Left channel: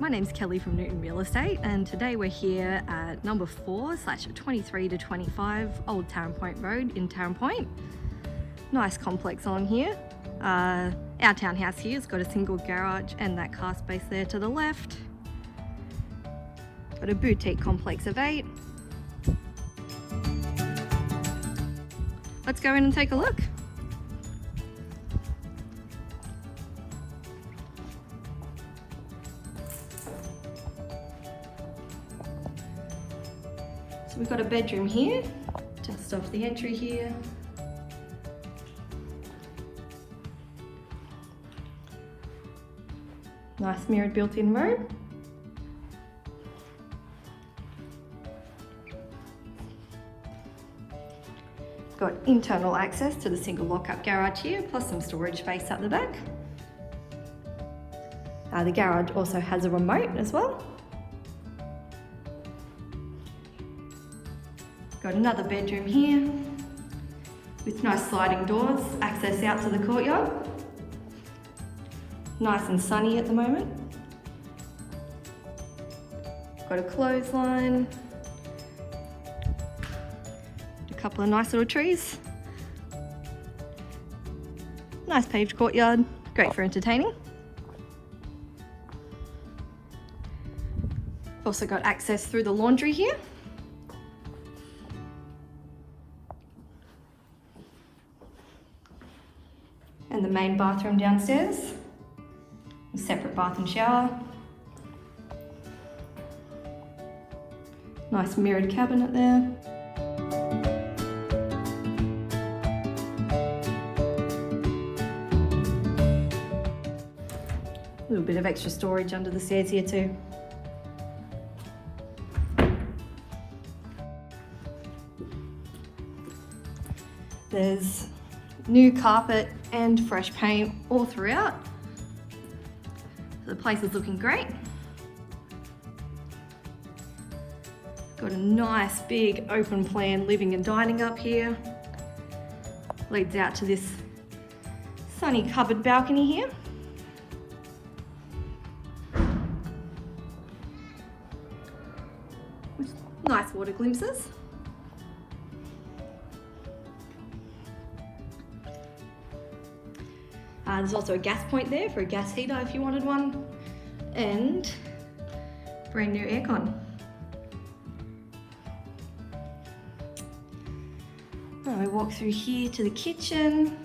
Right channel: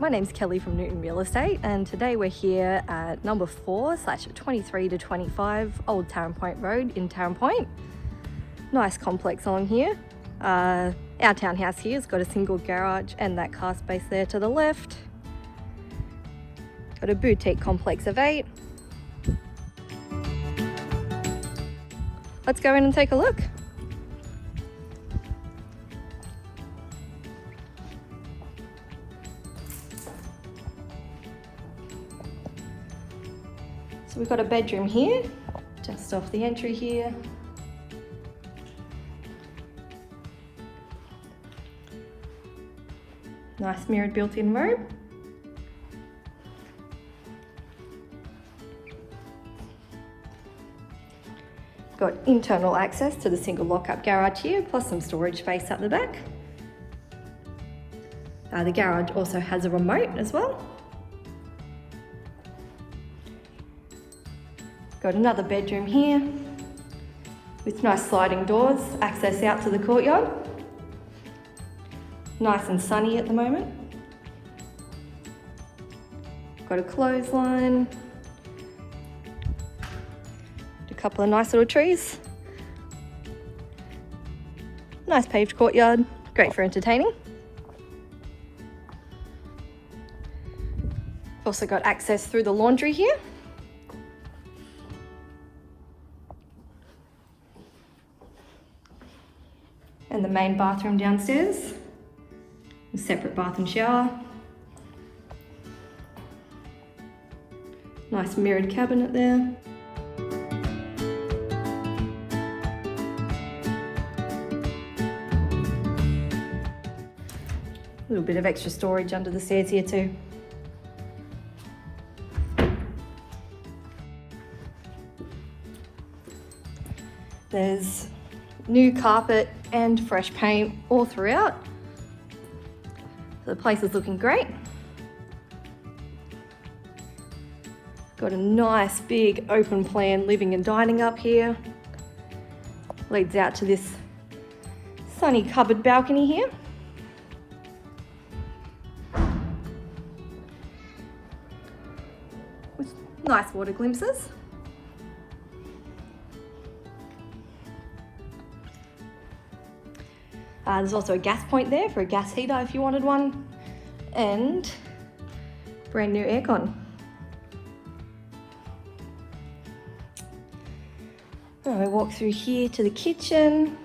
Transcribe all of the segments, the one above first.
My name's Kelly from Newton Real Estate, and today we're here at number 4/23 to 25 Old Taren Point Road in Taren Point. Nice complex on here. Our townhouse here has got a single garage and that car space there to the left. Got a boutique complex of 8. Let's go in and take a look. So we've got a bedroom here, just off the entry here. Nice mirrored built-in robe. Got internal access to the single lock-up garage here, plus some storage space up the back. The garage also has a remote as well. Got another bedroom here with nice sliding doors, access out to the courtyard. Nice and sunny at the moment. Got a clothesline. A couple of nice little trees. Nice paved courtyard, great for entertaining. Also got access through the laundry here. And the main bathroom downstairs. A separate bath and shower. Nice mirrored cabinet there. A little bit of extra storage under the stairs here too. There's new carpet and fresh paint all throughout. So the place is looking great. Got a nice big open plan living and dining up here. Leads out to this sunny cupboard balcony here. With nice water glimpses. There's also a gas point there for a gas heater if you wanted one, and brand new aircon. I walk through here to the kitchen.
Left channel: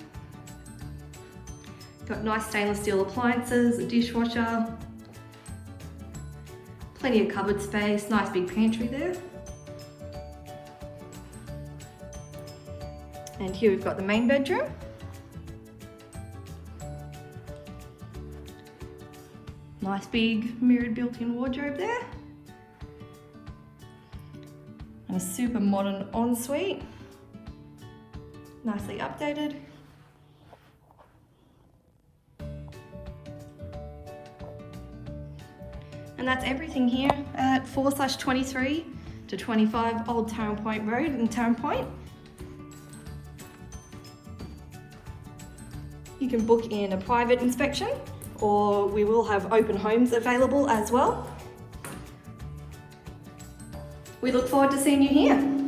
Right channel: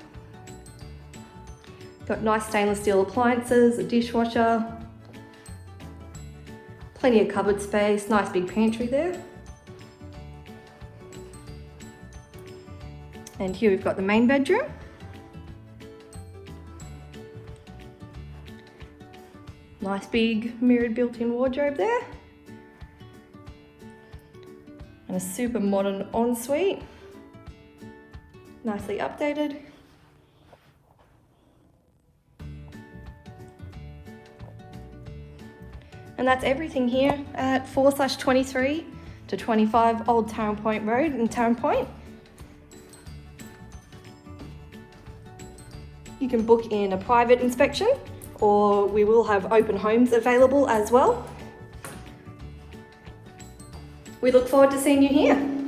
Got nice stainless steel appliances, a dishwasher, plenty of cupboard space, nice big pantry there. And here we've got the main bedroom. Nice big mirrored built-in wardrobe there. And a super modern ensuite. Nicely updated. And that's everything here at 4/23 to 25 Old Taren Point Road in Taren Point. You can book in a private inspection, or we will have open homes available as well. We look forward to seeing you here.